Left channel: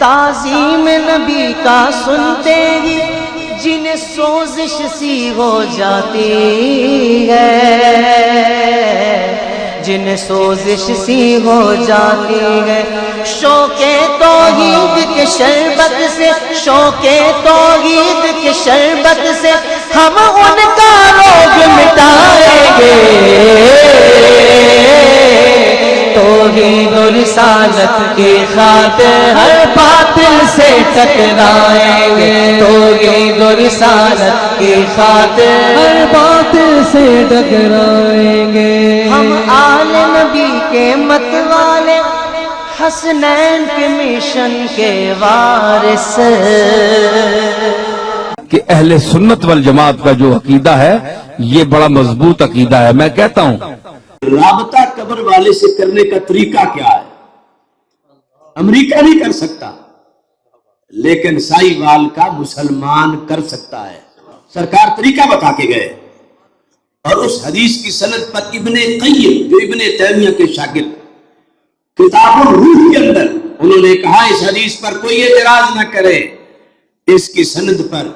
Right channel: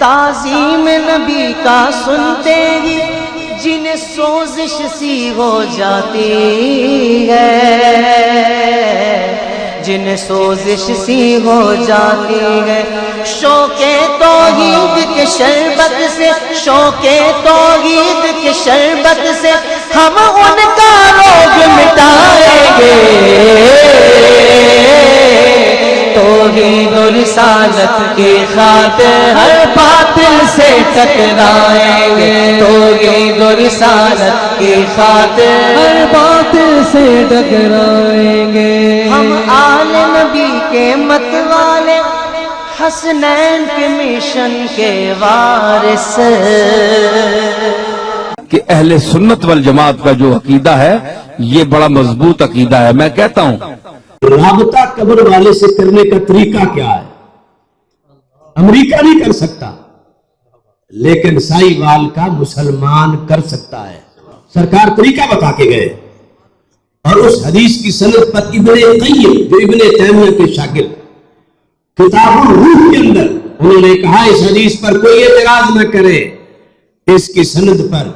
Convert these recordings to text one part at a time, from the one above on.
تعظیم نبی کا سنتے ہی جنہیں سوزش سی ہو جاتی ہے، جنہیں سوزش سی ہو جاتی ہے، شوق توحید کے شربت سے، شوق توحید کے شربت سے ہم ان کا روگ مٹائیں گے، توحید و رسالت کی خاطر ہر باطل سے ٹکرائیں گے، توحید و رسالت کی خاطر ہر باطل سے ٹکرائیں گے۔ ہم آل نبی کے مت والے، حسنین کے مشن کے وارث، کہ اہل سنت والجماعت کا جو عقیدہ ہے یہ بڑا مضبوط عقیدہ ہے۔ میں کہتا ہوں رابطہ قبر والے سے کرنے کا طریقہ کیا ہے؟ امریکہ نہیں کر سکتا، لیکن سائی وال کا مسلمان کر سکتا ہے۔ سرکار طریقہ بتا کے گئے، اور اس حدیث کی سند پر ابن قیم جو ابن تیمیہ کے شاگرد، کتاب الروح کے اندر انہوں نے کہا اس حدیث پر کوئی اعتراض نہ کرے اس کی سند پر۔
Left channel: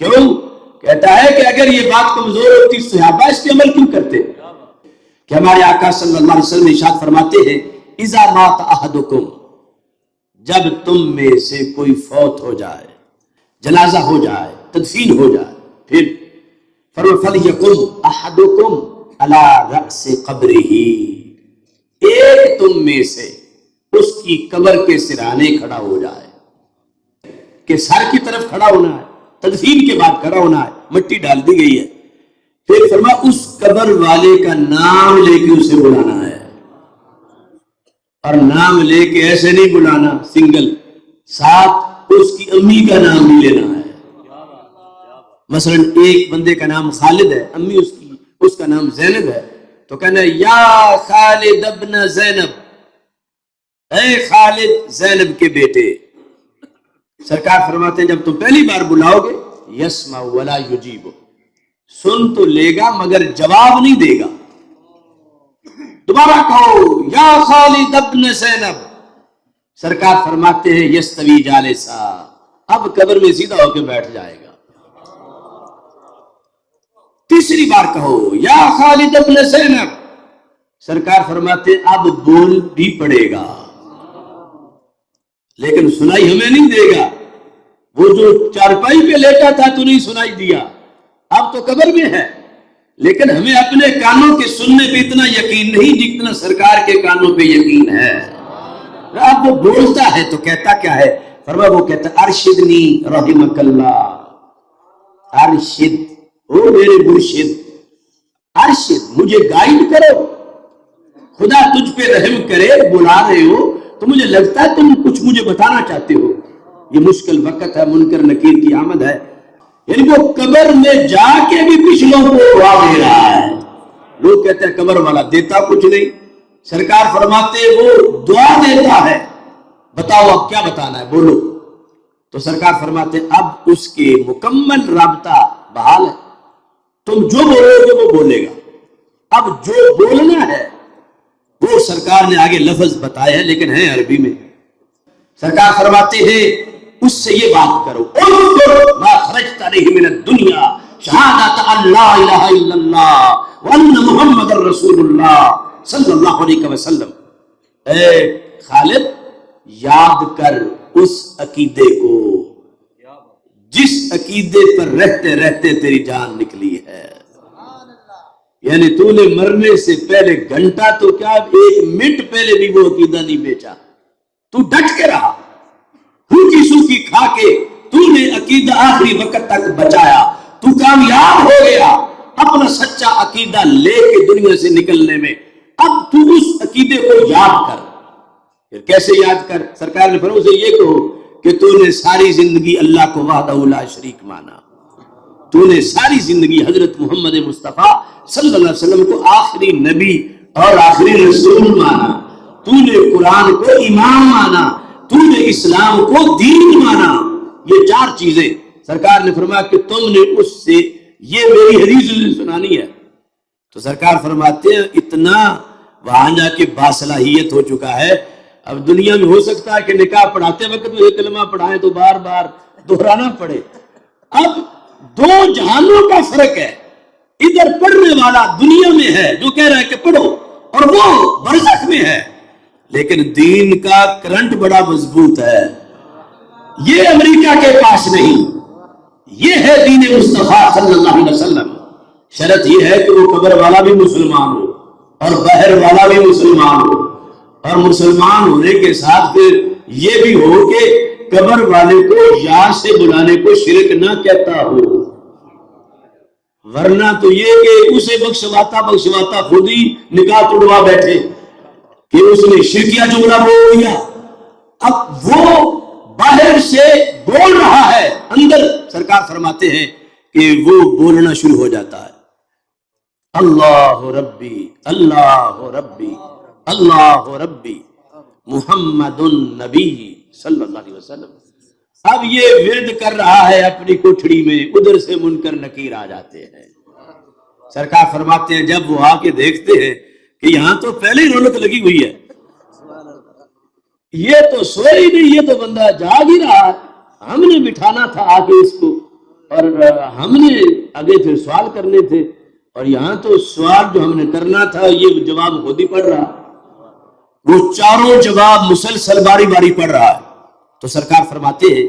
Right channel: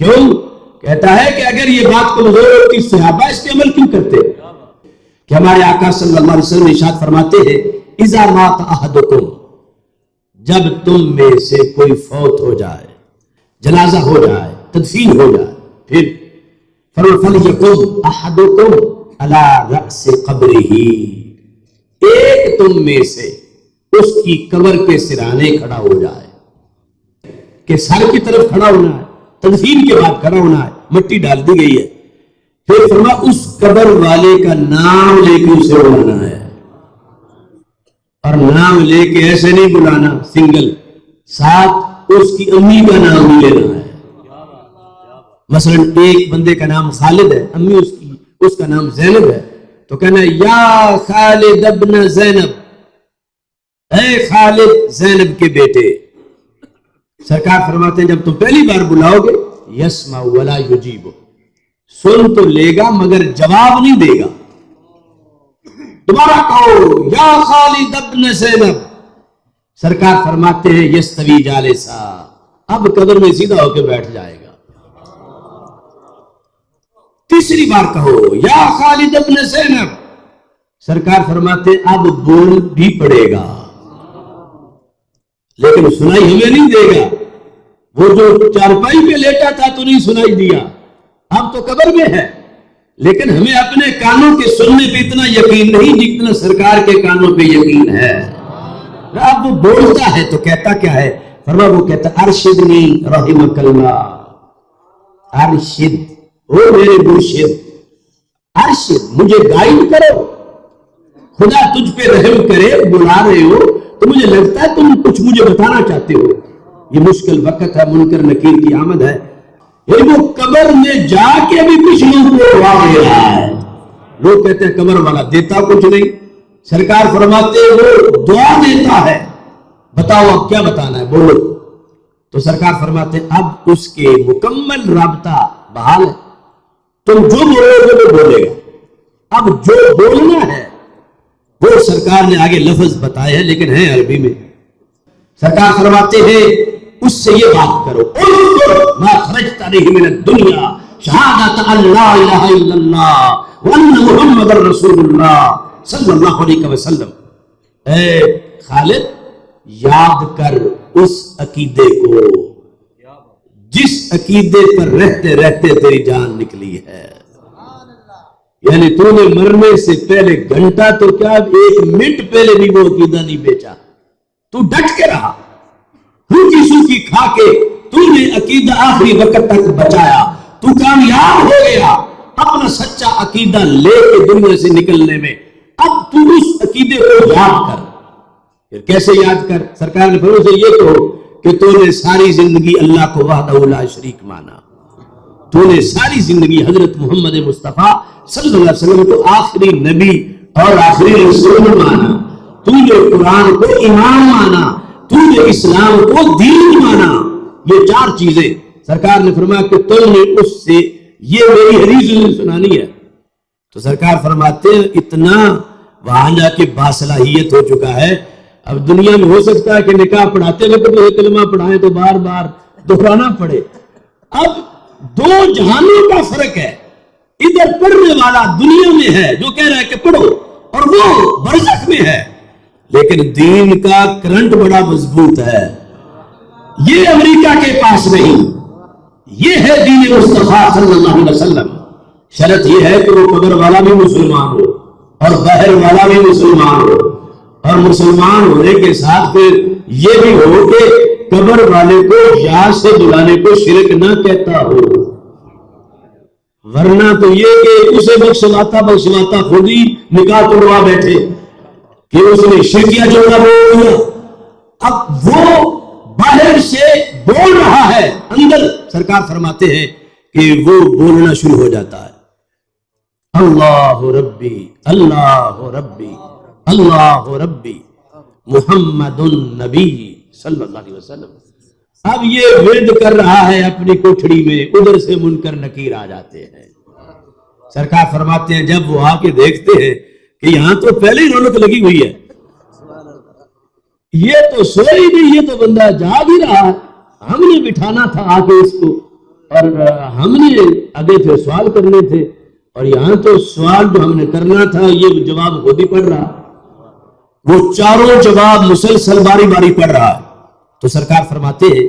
کیوں؟ کہتا ہے کہ اگر یہ بات کمزور ہوتی صحابہ اس کے عمل کیوں کرتے؟ کہ ہمارے آقا صلی اللہ علیہ وسلم ارشاد فرماتے ہیں اذا مات احدکم، جب تم میں سے کوئی فوت ہو جائے، جنازہ ہو جائے، تدفین ہو جائے، پھر فَلْيَقُمْ أَحَدُكُمْ عَلَى رَأْسِ قَبْرِهِ، ایک تم میں سے اس کی قبر کے سرانے کھڑا ہو جائے، کہ سر کی طرف کھڑا ہونا ہے، تدفین کے بعد کھڑا ہونا ہے، مٹی ڈال دی گئی ہے، پھر فرمایا اس قبر والے کا نام لے کے اسے بلانا ہے، اور نام لے کے ایسے نہیں بلانا سنگل، ساتھ اس کی امی کا نام بھی لینا ہے۔ مثلا ایک بندے کا نام خالد ہے، امی اس کا نام زینب ہے، تو کہنا ہے یا خالد ابن زینب، اے خالد زینب کے بیٹے۔ سرکار فرماتے ہیں جب تم پہلی بار بلاؤ گے یسمع ولا یجیب، سن تو لے گا مگر جواب نہیں دے گا۔ دوبارہ کہو یا خالد ابن زینب، سرکار فرماتے ہیں یستوی جالسا، اب قبر میں سیدھا ہو کے بیٹھ جائے گا۔ تیسری بار کہو یا خالد ابن زینب، سرکار فرماتے ہیں اب بول بھی پڑے گا، لیکن سنائی ہمیں نہیں دے گا۔ وہ جو چارپائی پہ لیٹا تھا تو نہیں سنائی دیا، اب تو قبر میں ہے، لیکن ہمیں اپنے کانوں کے سننے پہ اتنا یقین نہیں جتنا سرکار کے کانوں پہ یقین ہے۔ اب وہ بولتا ہے تو کہتا کیا ہے؟ فرما وہ کہتا ارشدنی رحمک اللہ، ارشد، او میرے مرشد، ارشد، مجھے گائیڈ کرو، خدا تجھ پہ رحم کرے، بلا رہے ہو تو مجھے لگتا ہے تم کچھ مجھے بتانا چاہتے ہو، یہ مشکل وقت ہے، منکر نکیر کی آمد ہے۔ یعنی وہ قبر میں جا کے بھی پچھلوں کو دعا دے رہا ہے۔ لوگ کہتے ہیں قبر والا دیتا کچھ نہیں، سرکار فرماتے وہ دعا دیتا ہے، بتاؤ اب کیا بتانا ہے، بولو۔ تو سرکار فرماتے اب اس کے مکمل رابطہ بحال ہے، تم جو بولو گے وہ بولے گا، اب جو بولنا ہے وہ سرکار نے آگے لفظ بتائے ہیں لیکن ہیں عربی میں۔ سرکار فرماتے ہیں اس سے یہ بات کرو اذکر ما خرجت علیہ من الدنیا شہادت ان لا الہ الا اللہ وان محمد رسول اللہ صلی اللہ علیہ وسلم۔ اے خالد، یاد کر اس عقیدے کو جس عقیدے پر رہتے رہتے تیری جان نکلی ہے، یعنی تو نے مرنے سے پہلے گھنٹہ تو کیا ایک منٹ پہلے بھی وہ عقیدہ نہیں بیچا، تو ڈٹ کے رہا، روکی سوکی کھا کے تو نے عقیدہ آخری وقت تک بچایا، تو کامیاب ہو گیا اپنا سچا عقیدہ لے کے دنیا سے نکلنے میں۔ اب تو اس عقیدے کو یاد کر۔ پھر کیسے یاد کر؟ سرکار نے فرمایا سے یہ کہو کہ تو نے ساری زندگی اللہ کو وحدہ لا شریک مانا، تو نے ساری زندگی حضرت محمد مصطفیٰ صلی اللہ علیہ وسلم کو آخری نبی اور آخری رسول مانا، تو نے قرآن کو امام مانا، تو نے اسلام کو دین مانا۔ یہ چار چیزیں سرکار نے فرمایا کہ تم نے اس سے یہ میری حدیث سنانی ہے۔ تو سرکار فرماتے ہیں اتنا وہاں جا کے باصلاحیت ہو چکا ہے، اب دنیا میں ہو سکتا ہے کہ نکاح پڑھاتے وقت وہ کلمہ پڑھائیں تو بار بار دہرانا پڑے. اب دو جہانوں کا فرق ہے. ادھر پڑھنے والا دنیا میں ہے جو کہہ رہا ہے کہ پڑھو, اور وہ برزخ میں ہے. لیکن دین کا کرنٹ بڑا مضبوط ہے. یہ امریکہ کے پاس نہیں, یہ ہے دین مصطفیٰ صلی اللہ علیہ وسلم. شرط یہ ہے کہ وہ قبر والا بھی مسلمان ہو اور بحر والا بھی مسلمان ہو, اور مسلمان ہونے کے ساتھ پھر یہ بھی ہو کہ قبر والے کو یا سے بلانے کو شرک نہ کہتا ہو. ورنہ تو یہ کہ اسے بخشواتا خود ہی نکاح توڑوا بیٹھے کہ اس نے شرکیہ جملہ بول دیا. اب وہ باہر سے بول رہا ہے, اندر سرکار فرماتے ہیں کہ وہ بولنا شروع ہو جاتا ہے, اللہ ربی اللہ ربی اللہ ربی محمد النبی صلی اللہ علیہ وسلم. اب یہ ورد کر رہا ہے اپنی کوٹھڑی میں, ادھر سے منکر نکیر آ جاتے ہیں. سرکار فرماتے ہیں جب وہ آ کے دیکھتے ہیں کہ یہاں تو پہلے ہی رونق لگی ہوئی ہے, یہ تو سوئے ہی نہیں, یہ تو بندہ جاگ ہی رہا ہے, ہم نے بٹھانا تھا آ کے اس کو, اور ہم نے آگے پھر سوال کرنے تھے, اور یہاں تو سوال جو ہم نے کرنا تھا یہ جواب خود ہی پڑھ رہا. وہ چاروں جواب مسلسل باری باری پڑھ رہا ہے. تو سرکار فرماتے ہیں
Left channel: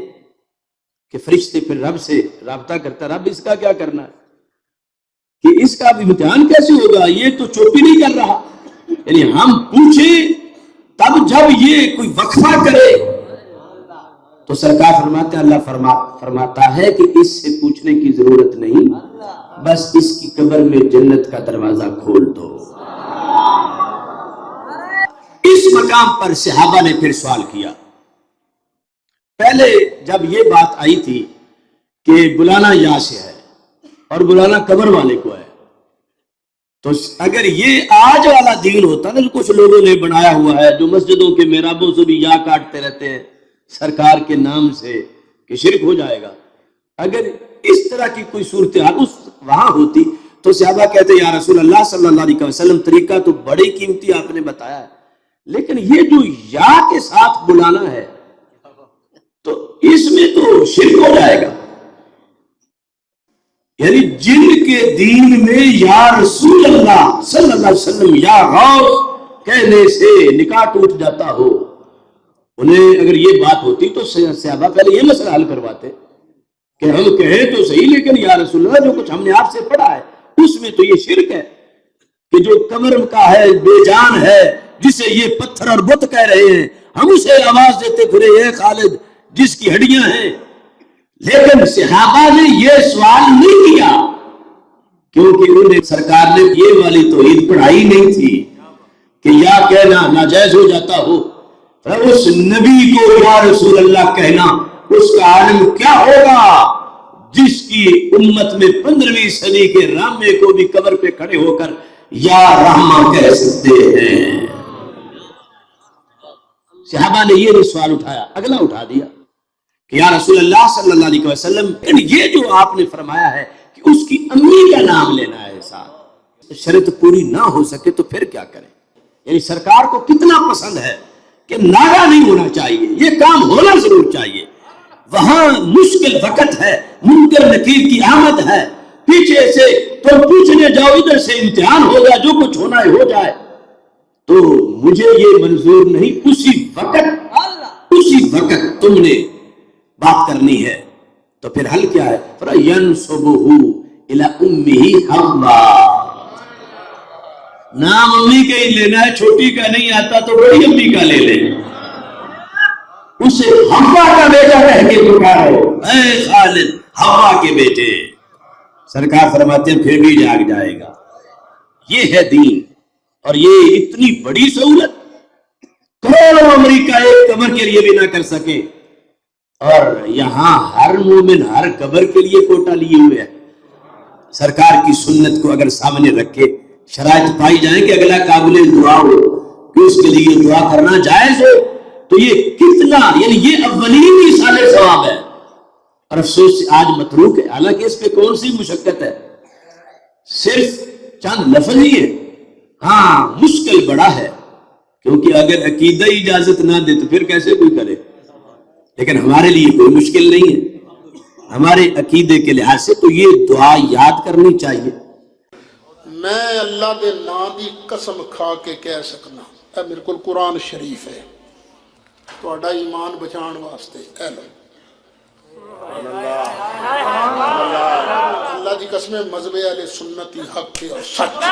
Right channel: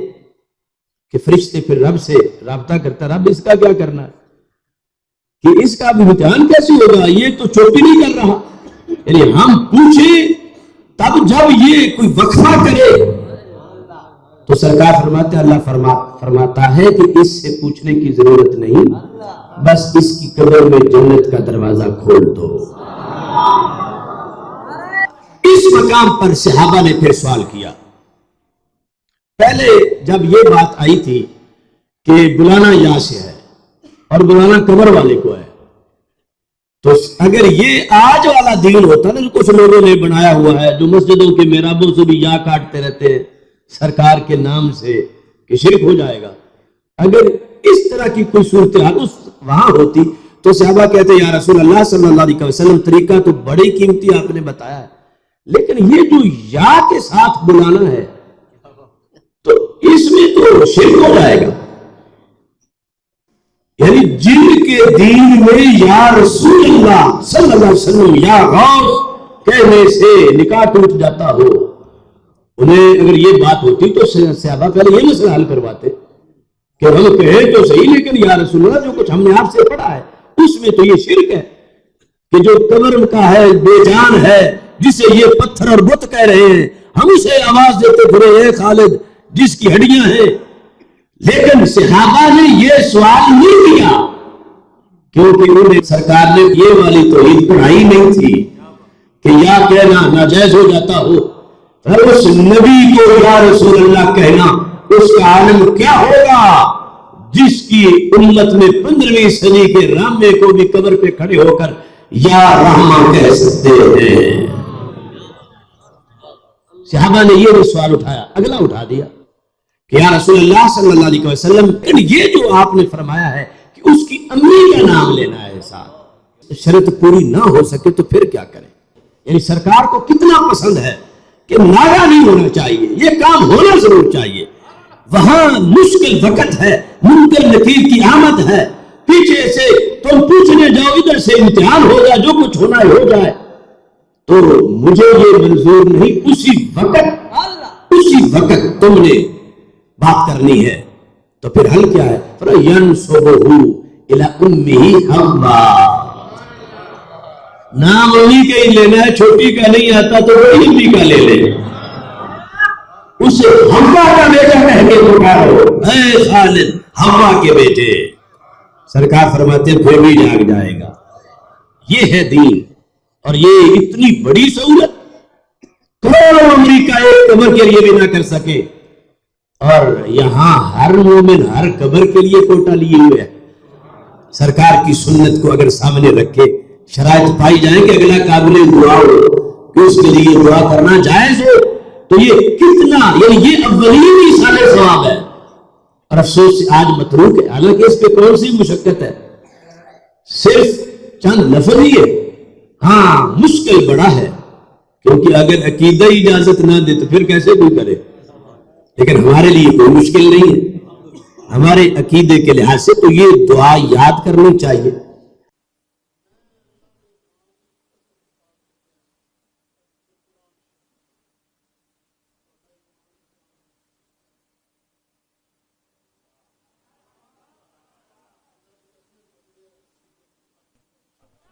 کہ فرشتے پھر رب سے رابطہ کرتا, رب اس کا کیا کرنا ہے, کہ اس کا بھی امتحان کیسے ہوگا, یہ تو چوپی نہیں کر رہا. یعنی ہم پوچھیں تب جب یہ کوئی وقفہ کرے تو سرکار فرماتے ہیں, اللہ فرماتا ہے کہ اس سے پوچھنے کی ضرورت نہیں, بس اس کی قبر میں جنت کا دروازہ کھول دو. اس مقام پر صحابہ نے پھر سوال کیا. پہلے جب یہ بات آئی تھی کہ بلانا یہاں سے ہے اور بلانا قبر والے کو ہے, تو اگر یہ آج والا دین ہوتا نا جو کچھ لوگوں نے بنایا ہوا ہے, جو مسجدوں کے محرابوں سے بھی یا کاٹتے رہتے ہیں سرکار کے نام سے کہ شرک ہو جائے گا, اگر اس طرح کی کوئی صورتحال وہاں ہوتی تو صحابہ کہتے یا رسول اللہ صلی اللہ علیہ وسلم طریقہ تو بڑی قیمتی آپ نے بتایا ہے, لیکن یہ جو یا کے ساتھ بلانا ہے تو اس میں تو شرک ہو جائے گا. یعنی جن کے دین میں یا رسول اللہ صلی اللہ علیہ وسلم یا غوث کہنے سے نکاح ٹوٹ جاتا ہو, انہیں اگر یہ بات ہوتی تو صحابہ پہلے یہ مسئلہ حل کرواتے کہ ہم کہیں تو صحیح, لیکن یا رسول اللہ جو کچھ ہم نے آپ سے پڑھا ہے اس میں تو یہ شرک ہے کہ جو قبر کا ہے بے جان ہے, جسے یہ پتھر اور بت کہہ رہے ہیں, ہم اسے آواز دیتے پھرے اے خالد جس کی ہڈیاں ہیں. لیکن صحابہ نے یہ سوال نہیں کیا کیونکہ انہیں سرکار نے یہ والی توحید پڑھائی نہیں تھی کہ یا کہنا ناجائز ہو جاتا ہو. اس نبی کو یا رسول اللہ کہنا اس کا عالم کیا ہوگا جس کی امت میں 15ویں صدی کے رامے کو بھی قبر پہ کھڑے ہو کر یا رحمہ کہہ سکتے ہیں. صحابہ نے یہ بھی سوال اٹھایا, اگلا اٹھا دیا کہ یا رسول اللہ صلی اللہ علیہ وسلم یہ جو آپ نے فرمایا ہے کہ اس کی امی کا نام لینا ہے ساتھ, شرط پوری نہ ہو سکے تو پھر کیا کریں. یعنی سرکار کو کتنا پسند ہے کہ ناگا نہیں ہونا چاہیے, یہ کام ہونا ضرور چاہیے. وہاں مشکل وقت ہے, منکر نکیر کی آمد ہے, پیچھے سے تم پوچھنے جاؤ, ادھر سے امتحان ہوگا, جو کچھ ہونا ہے ہو جائے, تو مجھے یہ منظور نہیں. اسی وقت تم نے بات کرنی ہے. تو پھر حل کیا ہے, فَيَنْسُبُهُ إِلَىٰ أُمِّهِ حَوَّا, نام امی کا ہی لینا ہے, چھوٹی کا نہیں آتا تو بڑی امی کا لے لے, اسے حوا کا بیٹا کہہ کے پکارو, اے خالد حوا کے بیٹے. سرکار فرماتے ہیں پھر بھی جاگ جائے گا. یہ ہے دین, اور یہ اتنی بڑی سہولت کروڑوں امریکہ ایک قبر کے لیے بھی نہ کر سکے, اور یہاں ہر مومن ہر قبر کے لیے کوٹا لیے ہوئے ہے. سرکار کی سنت کو اگر سامنے رکھے, شرائط پائی جائیں کہ اگلا قابل دعا ہو کہ اس کے لیے دعا کرنا جائز ہو, تو یہ کتنا, یعنی یہ اولین ایصال ثواب ہے. اور افسوس سے آج متروک ہے, حالانکہ اس پہ کون سی مشقت ہے, صرف چند لفظ ہی ہے. ہاں مشکل بڑا ہے, کیونکہ اگر عقیدہ ہی اجازت نہ دے تو پھر کیسے کوئی کرے. لیکن ہمارے لیے کوئی مشکل نہیں ہے ہمارے عقیدے کے لحاظ سے. تو یہ دعا یاد کرنی چاہیے. میں اللہ دے نام دی قسم کھا کے کہہ سکنا اے میرے کو قرآن شریف ہے تہاڈا ایمان بچان واسطے اے لو اللہ دی قسم مذہب اہل سنت حق اور سچ.